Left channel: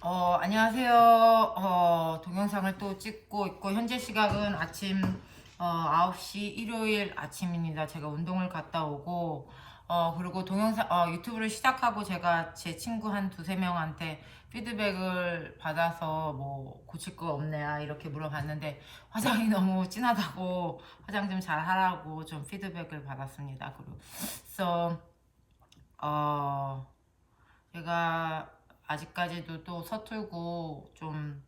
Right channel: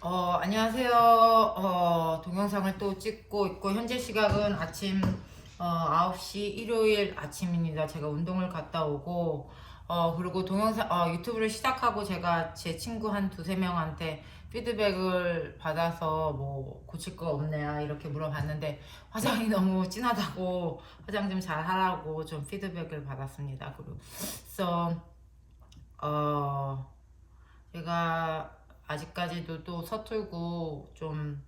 안녕하세요. 동영상을 또 찍고 있고, 현재 시각은 아침 9시 일요일 아침입니다. 제가 운동을 갔다 오고, 그리고 유튜브를 시작하고 제가 제 친구 한 두세 명한테 피드백을 받아서 뭐 고칠 거 없냐 이렇게 물어봤는데, 화장이 너무 진하다고 화장 좀 잘 하라고 좀 피드백을 받았습니다. 그래서 어, 제가 아직까지도 또 서툴고 좀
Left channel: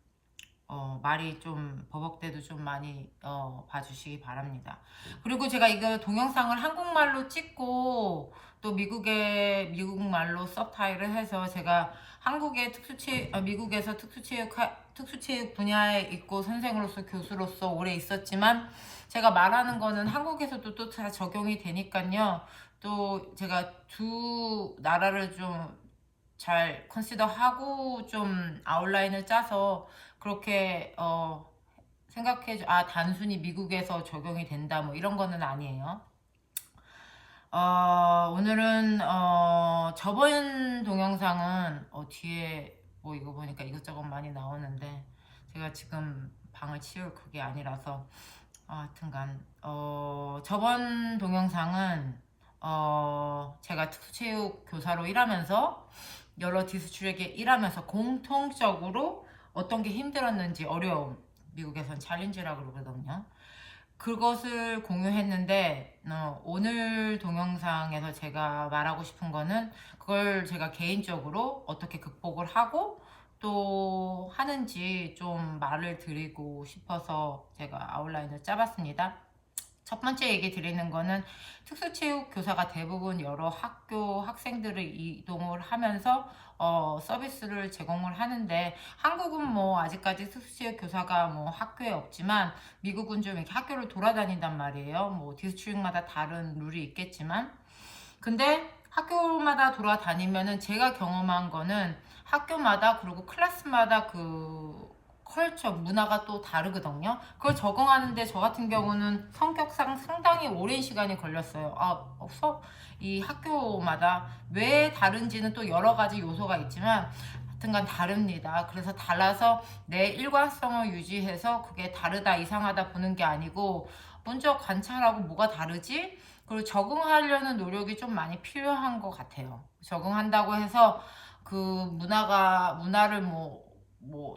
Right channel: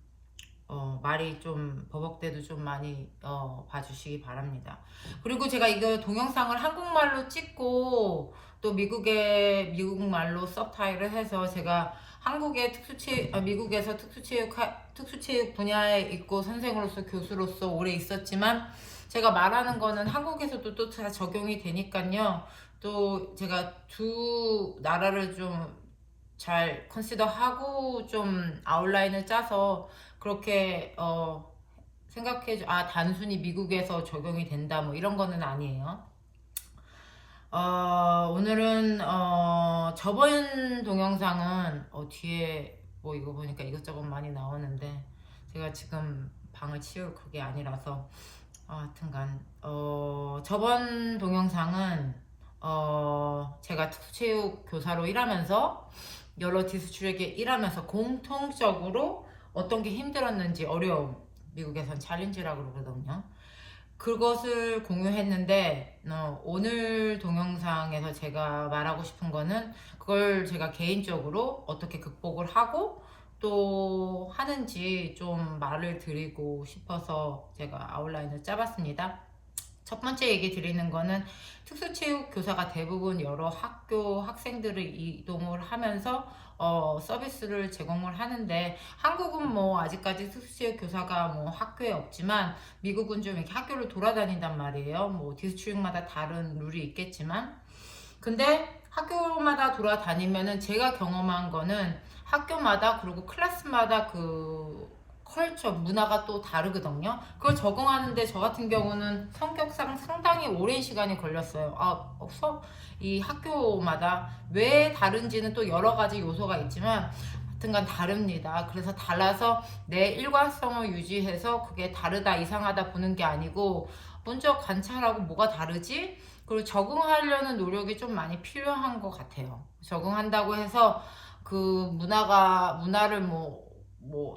말이 좀 버벅대도 좀 많이 봐주시기 바랍니다. 그리고 제가 이거 동영상을 한국말로 찍고 또 미국말로 서브타이를 해서 제가 미국에서 특수체육 분야에 있고 선생으로서 교수로서 오래 있었지만 제가 말하는 거는 한국에서도 또 다 적용이 되니까요. 또 제가 두 나라를 좀 잘 컨시더하고 좀 아웃라인을 짜서 그렇게 단순히 미국에서 적용이 된다 뭐 이런 거는 아니에요. 오늘은 저번 동영상은 뒤에 뭐 이거 보니까 이것저것 많이 나오는데 제가 지금 방을 치울 그게 아니라서 하여튼간 저번 동영상은 제가 특수체육 교사로 일하면서 여러 디스트릭에 일하면서 공통적으로 어떤 게 힘들었는지 어려움, 미국에선 챌린지라고 그러거든요. 그것을 공유했는데 오늘 동영상에서 제가 말하고 싶은 거는 그걸 제가 개인적으로 어떻게 극복을 하고 또 하는지 좀 말을 드리고 싶어서 제가 아웃라인을 짜봤습니다. 첫 번째 얘기 드리는 거는 특수체육 교사가 대부분 여러 학교 학생들을 이동을 하면서 서비스를 제공을 하는데, 한국은 뭐 아직까지 특수체육 교사가 뭐 학교에 없지만 미국은 좀 이렇게 학교를 돌아다닌단 말이에요. 뭐 디스트릭마다 다른 룰이 있겠지만, 근데 학교마다 돌아다니면은 제가 경험한 거는 학교마다 그리고 클래스마다 그 컬처 문화가 또 다르거든요. 그걸 적응하는데 저 같은 경우는 성격상 상당히 오랜 시간이 걸렸어요. 이 학교마다 왜 다른지는 또 여러 가지 요소가 있지만 하여튼간 다릅니다. 그래서 달라서 내 일관성을 유지해서 그게 다르다 이상하다 보는 게 아니고 먼저 관찰하고 뭐가 다르지? 그리고 적응하려는 노력이 좀 많이 필요한 것 같아요. 적응한다고 해서 그 문화를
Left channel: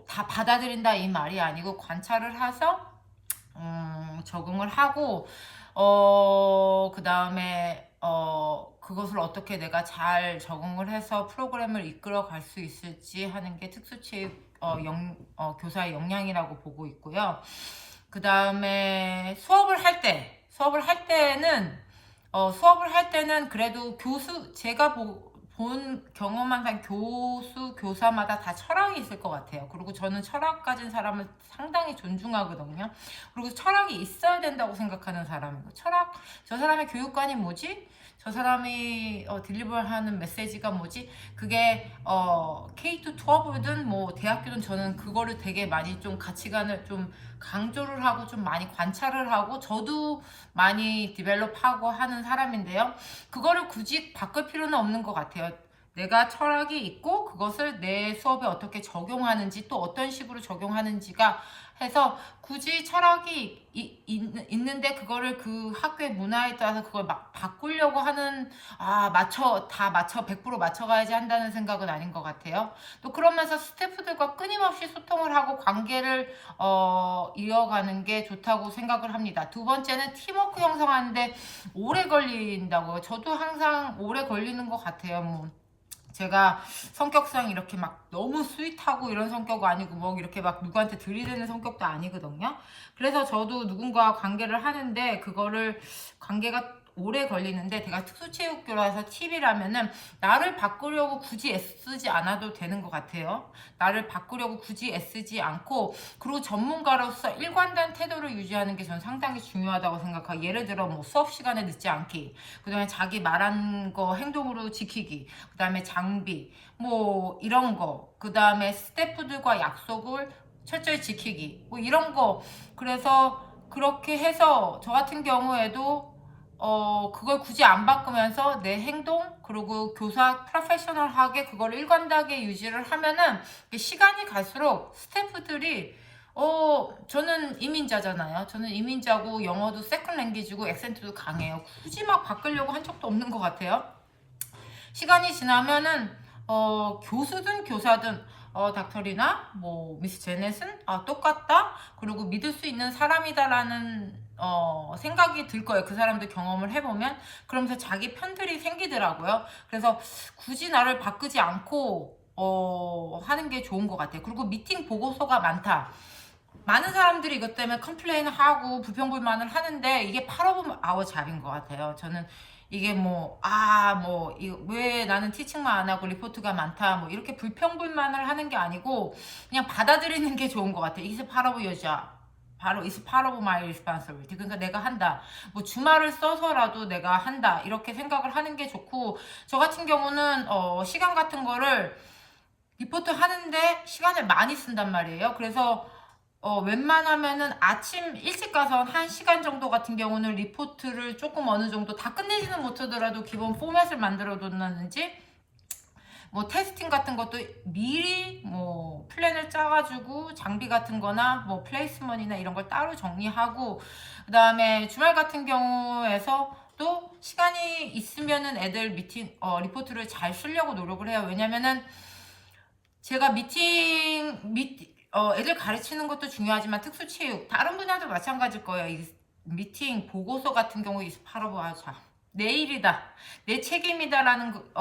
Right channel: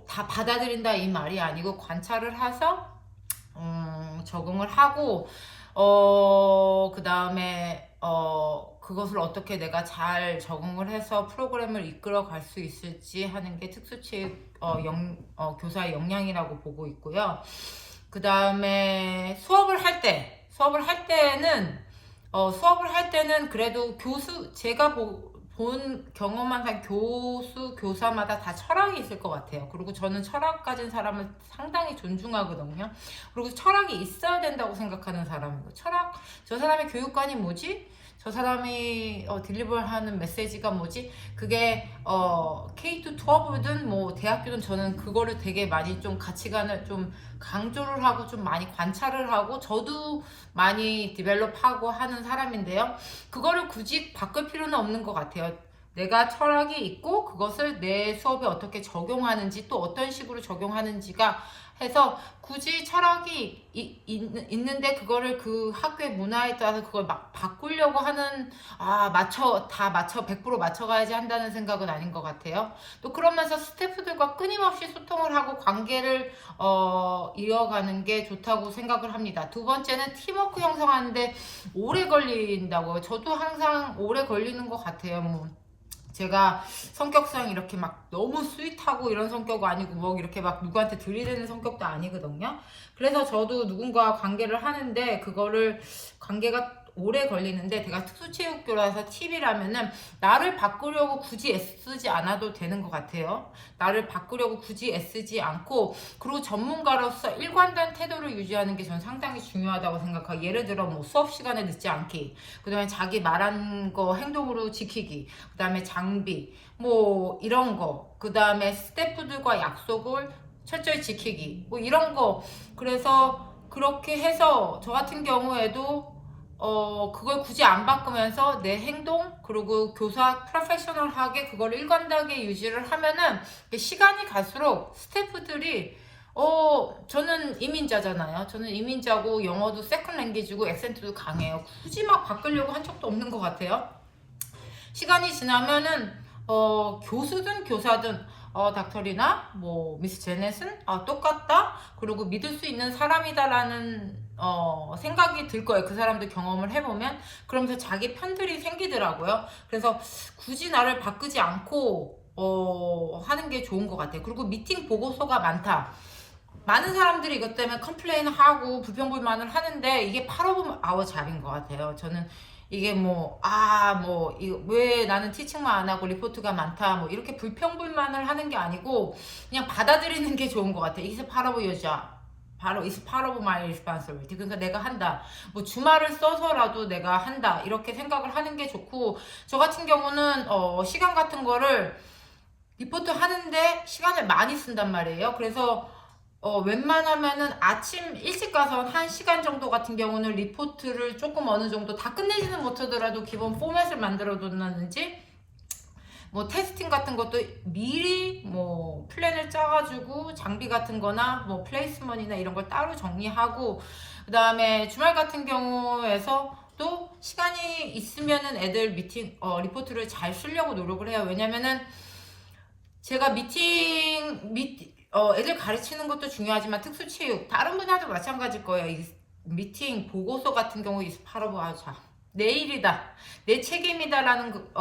다 받아들인다 이 말이 아니고 관찰을 해서 적응을 하고 그 다음에 그것을 어떻게 내가 잘 적응을 해서 프로그램을 이끌어 갈 수 있을지 하는 게 특수체육 교사의 역량이라고 보고 있고요. 그 다음에 수업을 할 때는 그래도 제가 본 경험한 교사마다 다 철학이 있을 것 같아요. 그리고 저는 철학 가진 사람을 상당히 존중하거든요. 그리고 철학이 있어야 된다고 생각하는 사람이고, 저 사람의 교육관이 뭐지? 저 사람이 딜리버하는 메시지가 뭐지? 그게 K-12든 뭐 대학교든 저는 그거를 되게 많이 좀 가치관을 좀 강조를 하고 좀 많이 관찰을 하고 저도 많이 디벨롭하고 하는 사람인데요. 그거를 굳이 바꿀 필요는 없는 것 같아요. 내가 철학이 있고 그것을 내 수업에 어떻게 적용하는지 또 어떤 식으로 적용하는지가 해서 굳이 철학이 있는데 그거를 그 학교의 문화에 따라서 그걸 막 바꾸려고 하는 다 맞춰 100% 맞춰가야지 한다는 생각은 아닌 것 같아요. 또 그러면서 스태프들과 끊임없이 소통을 하고 관계를 이어가는 게 좋다고 생각을 합니다. 두 번째는 팀워크 형성하는데 오래 걸린다고요. 저도 항상 오래 걸리는 것 같아요. 뭐 제가 성격상 이렇게 막 너무 스윗하고 이런 성격이 아니고 뭐 이렇게 막 누구한테 들이대는 성격도 아니거든요. 그래서 저도 누군가와 관계를 하는데 관계가 오래 걸리는데, 제가 특수체육교라서 팁이라면은 나를 바꾸려고 굳이 애쓰지 않아도 되는 것 같아요. 나를 바꾸려고 굳이 애쓰지 않고, 그리고 전문가로서 일관된 태도를 유지하는 게 전 상당히 중요하다고 생각하고, 예를 들어 뭐 수업 시간에 늦지 않기, 그 다음에 자기 말한 거 행동으로 지키기, 그 다음에 장비 뭐 이런 거, 그 다음에 스태프들과 약속을 철저히 지키기 뭐 이런 거. 그래서 그렇게 해서 저 같은 경우에도 그걸 굳이 안 바꾸면서 내 행동, 그리고 교사 프로페셔널하게 그걸 일관되게 유지를 하면은 시간이 갈수록 스태프들이 저는 이민자잖아요. 저는 이민자고 영어도 세컨 랭귀지고 액센트도 강해요. 굳이 막 바꾸려고 한 적도 없는 것 같아요. 시간이 지나면은 교수든 교사든 닥터리나 뭐 미스 제넷은 똑같다. 그리고 믿을 수 있는 사람이다라는 생각이 들 거예요. 그 사람들 경험을 해보면. 그러면서 자기 편들이 생기더라고요. 그래서 굳이 나를 바꾸지 않고 하는 게 좋은 것 같아요. 그리고 미팅 보고서가 많다. 많은 사람들이 이것 때문에 컴플레인을 하고 불평불만을 하는데 이게 팔오브 아워 잡인 것 같아요. 저는 이게 왜 나는 티칭만 안 하고 리포트가 많다, 뭐, 이렇게 불평불만을 하는 게 아니고, 그냥 받아들이는 게 좋은 것 같아요. It's part of your job. It's part of my responsibility. 그러니까 내가 한다. 뭐, 주말을 써서라도 내가 한다. 이렇게 생각을 하는 게 좋고, 저 같은 경우는, 시간 같은 거를 리포트 하는데 시간을 많이 쓴단 말이에요. 그래서 웬만하면은 아침 일찍 가서 1시간 정도 같은 경우는 리포트를 조금 어느 정도 다 끝내지는 못하더라도 기본 포맷을 만들어 둔다든지, 뭐 테스팅 같은 것도 미리 뭐 플랜을 짜가지고 장비 같은 거나 뭐 플레이스먼이나 이런 걸 따로 정리하고, 그 다음에 주말 같은 경우에서 또 시간이 있으면은 애들 리포트를 잘 쓰려고 노력을 해요. 왜냐면은 제가 애들 가르치는 것도 중요하지만 특수체육, 다른 분야도 마찬가지일 거예요. 이 미팅, 보고서 같은 경우 바로 자, 내 일이다, 내 책임이다라는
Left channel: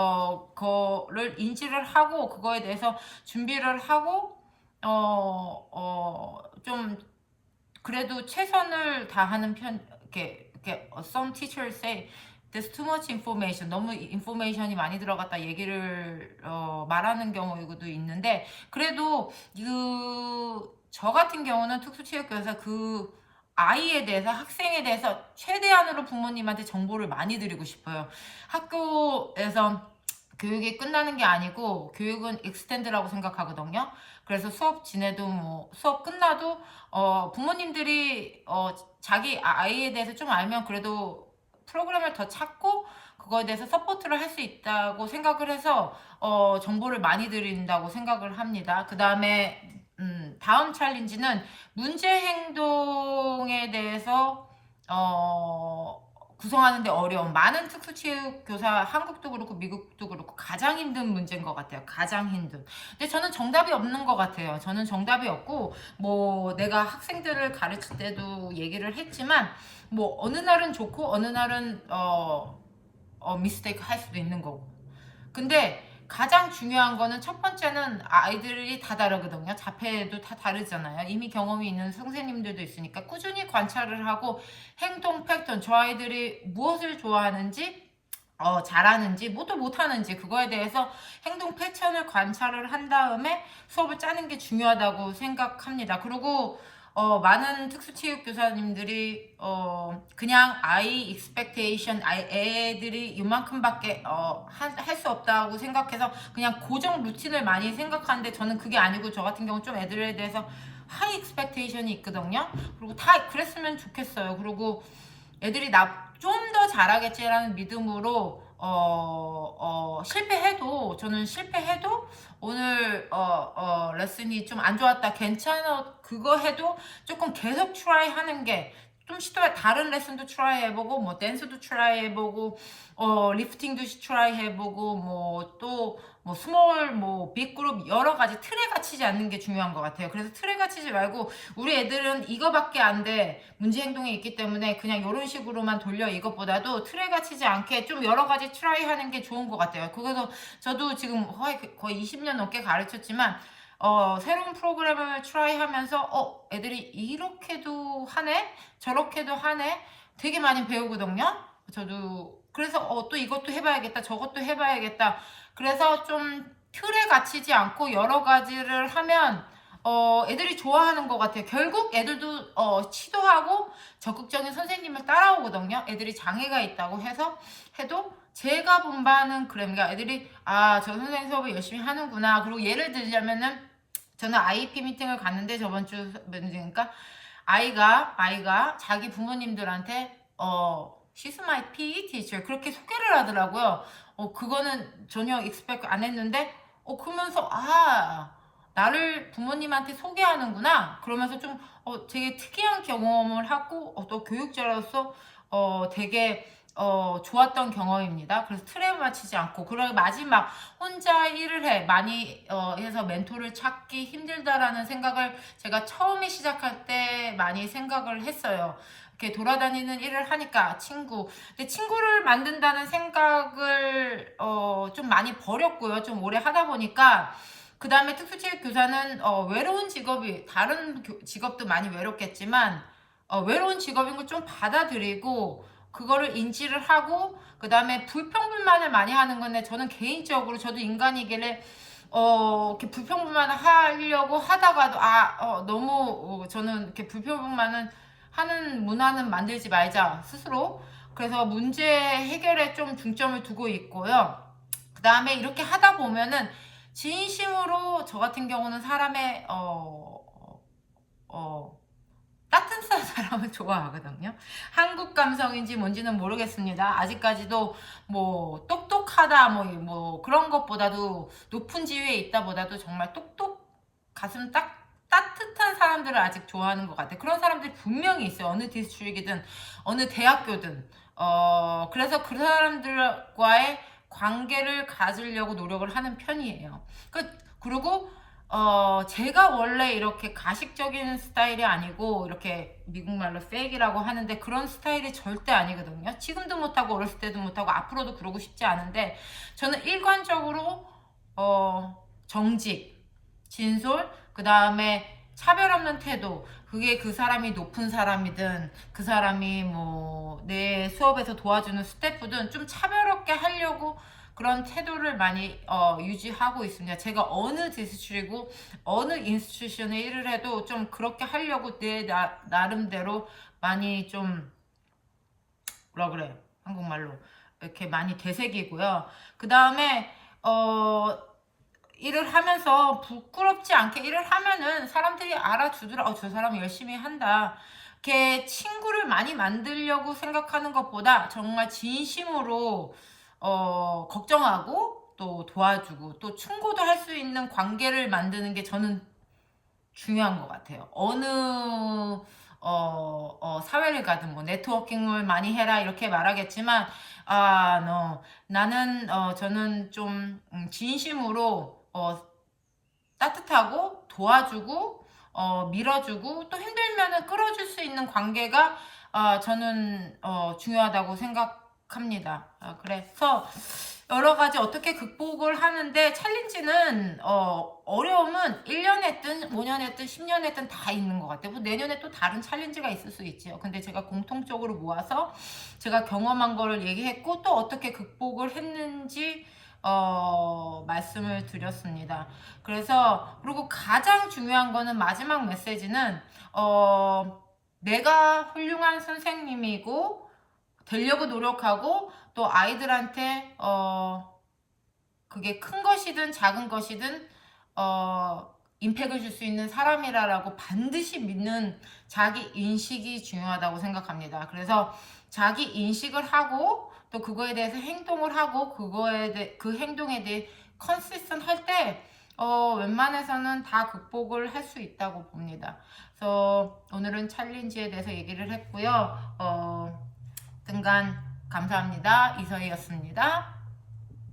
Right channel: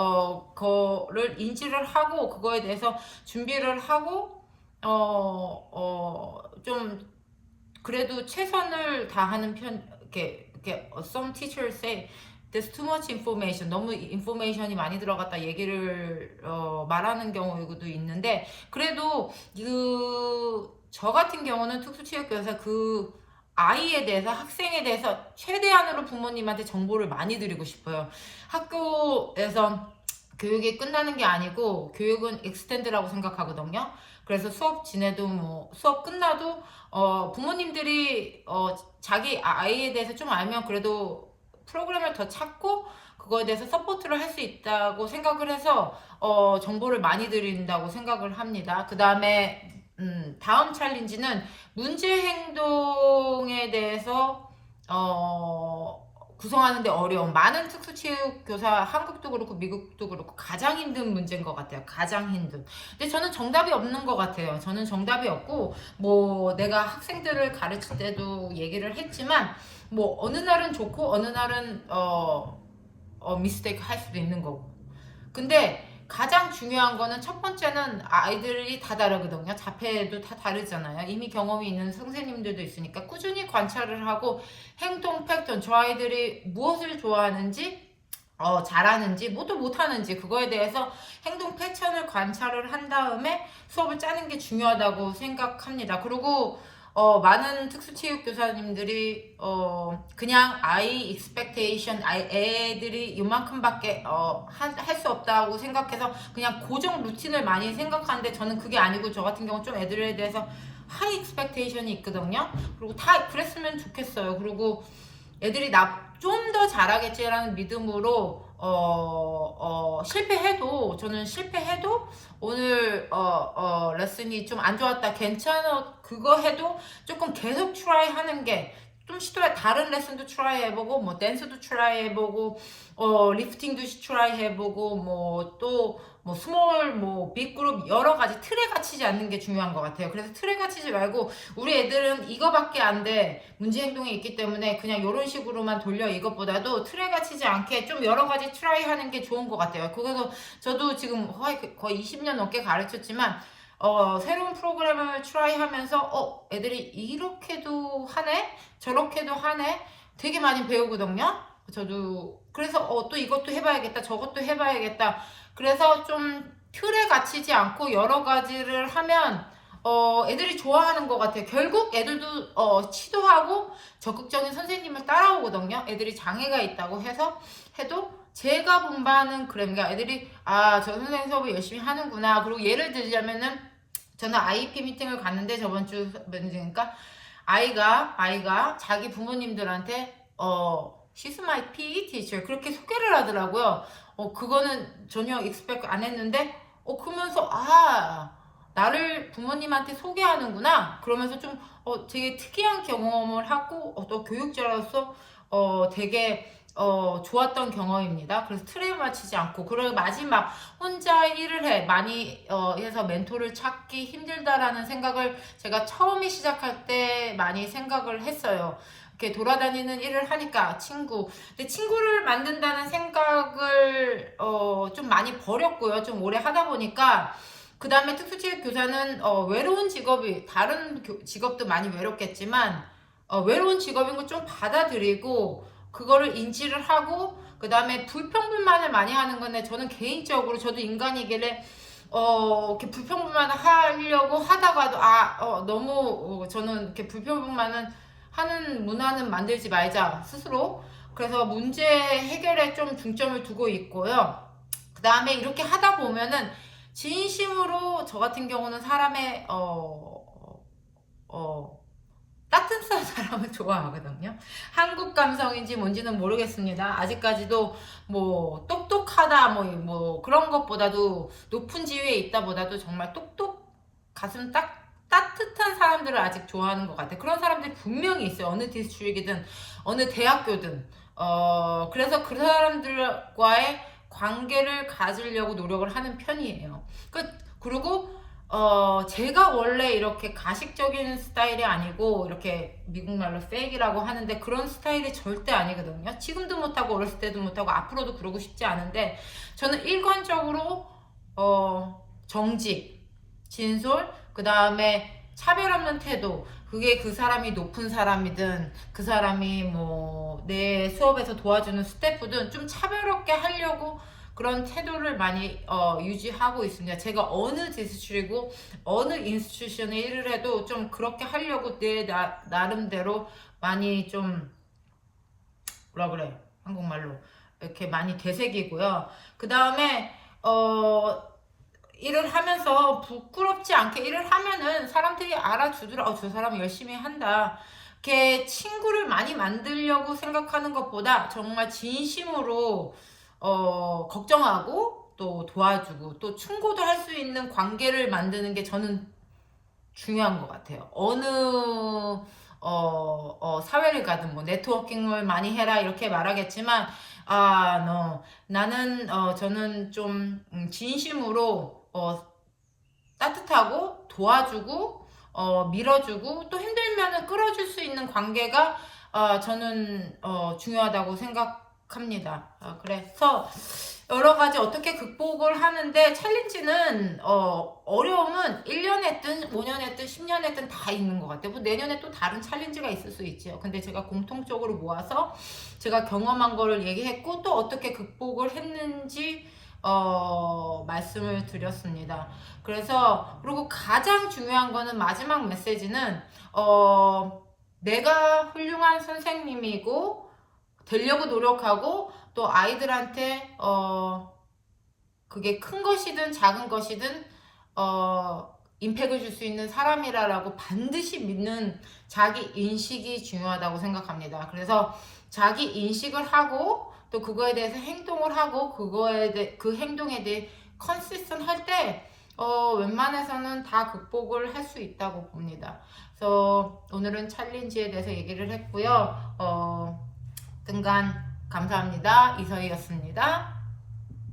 거를 인지를 하고 그거에 대해서 준비를 하고 좀 그래도 최선을 다하는 편. 이렇게 some teachers say there's too much information. 너무 인포메이션이 많이 들어갔다 얘기를 말하는 경우도 있는데, 그래도 저 같은 경우는 특수체육교사 아이에 대해서, 학생에 대해서 최대한으로 부모님한테 정보를 많이 드리고 싶어요. 학교에서 교육이 끝나는 게 아니고 교육은 익스텐드라고 생각하거든요. 그래서 수업 끝나도 부모님들이 자기 아이에 대해서 좀 알면 그래도 프로그램을 더 찾고 그거에 대해서 서포트를 할 수 있다고 생각을 해서 정보를 많이 드린다고 생각을 합니다. 그 다음에 다음 챌린지는 문제 행동에 대해서 구성하는데 어려운, 많은 특수체육교사, 한국도 그렇고 미국도 그렇고 가장 힘든 문제인 것 같아요. 가장 힘든. 근데 저는 정답이 없는 것 같아요. 저는 정답이 없고, 뭐 내가 학생들을 가르칠 때도 얘기를 했지만, 뭐 어느 날은 좋고 어느 날은 미스테이크 할 수도 있는 거고. 근데 가장 중요한 거는, 첫 번째는 아이들이 다 다르거든요. 자폐도 다 다르잖아요. 이미 경험이 있는 선생님들도 있으니까 꾸준히 관찰을 하고 행동 패턴, 저 아이들이 무엇을 좋아하는지, 잘하는지, 뭐도 못하는지, 그거에 대해서 행동 패턴을 관찰을 한 다음에 수업을 짜는 게 중요하다고 생각합니다. 그리고 많은 특수체육 교사님들이 그냥 아이 expectation, 애들이 이만큼밖에 할 수 없다고 생각해서 그냥 고정 루틴을 많이 생각하는데, 저는 그게 아니고 저 같은 경우 좀 애들에 대해서 하이 expectation이 있거든요. 그리고 다 그랬으면 좋겠어요. 그리고 애들이 좀 더 잘하겠지라는 믿음으로 저는 실패해도 오늘 레슨이 좀 안 좋았다, 괜찮아, 그거 해도 조금 계속 트라이 하는 게, 좀 다른 레슨도 트라이 해보고, 뭐 댄스도 트라이 해보고, 리프팅도 트라이 해보고, 뭐 스몰, 뭐 빅그룹, 여러 가지 틀에 갇히지 않는 게 중요한 것 같아요. 그래서 틀에 갇히지 말고, 우리 애들은 이거밖에 안 돼, 문제 행동이 있기 때문에 그냥 이런 식으로만 돌려, 이것보다도 틀에 갇히지 않게 좀 여러 가지 트라이 하는 게 좋은 것 같아요. 그래서 저도 지금 거의 20년 넘게 가르쳤지만, 새로운 프로그램을 트라이 하면서 애들이 이렇게도 하네, 저렇게도 하네, 되게 많이 배우거든요. 저도 그래서 또 이것도 해봐야겠다, 저것도 해봐야겠다. 그래서 좀 틀에 갇히지 않고 여러 가지를 하면 애들이 좋아하는 것 같아요. 결국 애들도 시도하고 적극적인 선생님을 따라오거든요. 애들이 장애가 있다고 해도 제가 본 바는 그러니까 애들이 저 선생님 수업을 열심히 하는구나. 그리고 예를 들자면은, 저는 IEP 미팅을 갔는데 저번 주, 그러니까 아이가 자기 부모님들한테 She's my PE teacher. 그렇게 소개를 하더라고요. 그거는 전혀 expect 안 했는데, 그러면서, 나를 부모님한테 소개하는구나. 그러면서 좀, 되게 특이한 경험을 하고, 또 교육자로서, 되게, 좋았던 경험입니다. 그래서 틀에 맞추지 않고, 그리고 마지막, 혼자 일을 해. 많이, 해서 멘토를 찾기 힘들다라는 생각을 제가 처음에 시작할 때 많이 생각을 했어요. 이렇게 돌아다니는 일을 하니까 근데 친구를 만든다는 생각을 좀 많이 버렸고요. 좀 오래 하다 보니까 그 다음에 특수체육 교사는 외로운 직업이 다른 직업도 많이 외롭겠지만 외로운 직업인 걸 좀 받아들이고 그거를 인지를 하고 그 다음에 불평불만을 많이 하는 건데 저는 개인적으로 저도 인간이길래 이렇게 불평불만을 하려고 하다가도 너무 저는 이렇게 불평불만은 하는 문화는 만들지 말자 스스로. 그래서 문제 해결에 좀 중점을 두고 있고요. 그 다음에 이렇게 하다 보면은 진심으로 저 같은 경우는 사람의 따뜻한 사람을 좋아하거든요. 한국 감성인지 뭔지는 모르겠습니다. 아직까지도 뭐 똑똑하다 뭐 그런 것보다도 높은 지위에 있다 보다도 정말 가슴 따뜻한 사람들을 아직 좋아하는 것 같아요. 그런 사람들이 분명히 있어요. 어느 디스트릭이든 어느 대학교든. 그래서 그 사람들과의 관계를 가지려고 노력을 하는 편이에요. 그리고 제가 원래 이렇게 가식적인 스타일이 아니고 이렇게 미국말로 페이크라고 하는데 그런 스타일이 절대 아니거든요. 지금도 못하고 어렸을 때도 못하고 앞으로도 그러고 싶지 않은데 저는 일관적으로 정직, 진솔, 그 다음에 차별 없는 태도. 그게 그 사람이 높은 사람이든 그 사람이 뭐 내 수업에서 도와주는 스태프든 좀 차별 없게 하려고 그런 태도를 많이 유지하고 있습니다. 제가 어느 디스트리고 어느 인스티튜션에 일을 해도 좀 그렇게 하려고 나름대로 많이 좀 뭐라 그래 한국말로 이렇게 많이 되새기고요. 그 다음에 일을 하면서 부끄럽지 않게 일을 하면은 사람들이 알아주더라. 저 사람 열심히 한다. 이렇게 친구를 많이 만들려고 생각하는 것보다 정말 진심으로 걱정하고 또 도와주고 또 충고도 할 수 있는 관계를 만드는 게 저는 중요한 것 같아요. 어느 사회를 가든 뭐 네트워킹을 많이 해라 이렇게 말하겠지만 나는 저는 좀 진심으로 따뜻하고 도와주고 밀어주고 또 힘들면은 끌어줄 수 있는 관계가 저는 중요하다고 생각합니다. 그래서 여러 가지 어떻게 극복을 하는데 챌린지는 어려움은 1년 했든 5년 했든 10년 했든 다 있는 것 같아요. 뭐 내년에 또 다른 챌린지가 있을 수 있지요. 근데 제가 공통적으로 모아서 제가 경험한 거를 얘기했고 또 어떻게 극복을 했는지 말씀을 드렸습니다. 그리고 가장 중요한 거는 마지막 메시지는 내가 훌륭한 선생님이고 되려고 노력하고 또 아이들한테 그게 큰 것이든 작은 것이든 임팩을 줄 수 있는 사람이라고 반드시 믿는 자기 인식이 중요하다고 생각합니다. 그래서 자기 인식을 하고 또 그거에 대해서 행동을 하고 그 행동에 대해 컨시스턴 할 때 웬만해서는 다 극복을 할 수 있다고 봅니다. 그래서 오늘은 챌린지에 대해서 얘기를 했고요. 등간 감사합니다. 이서희였습니다.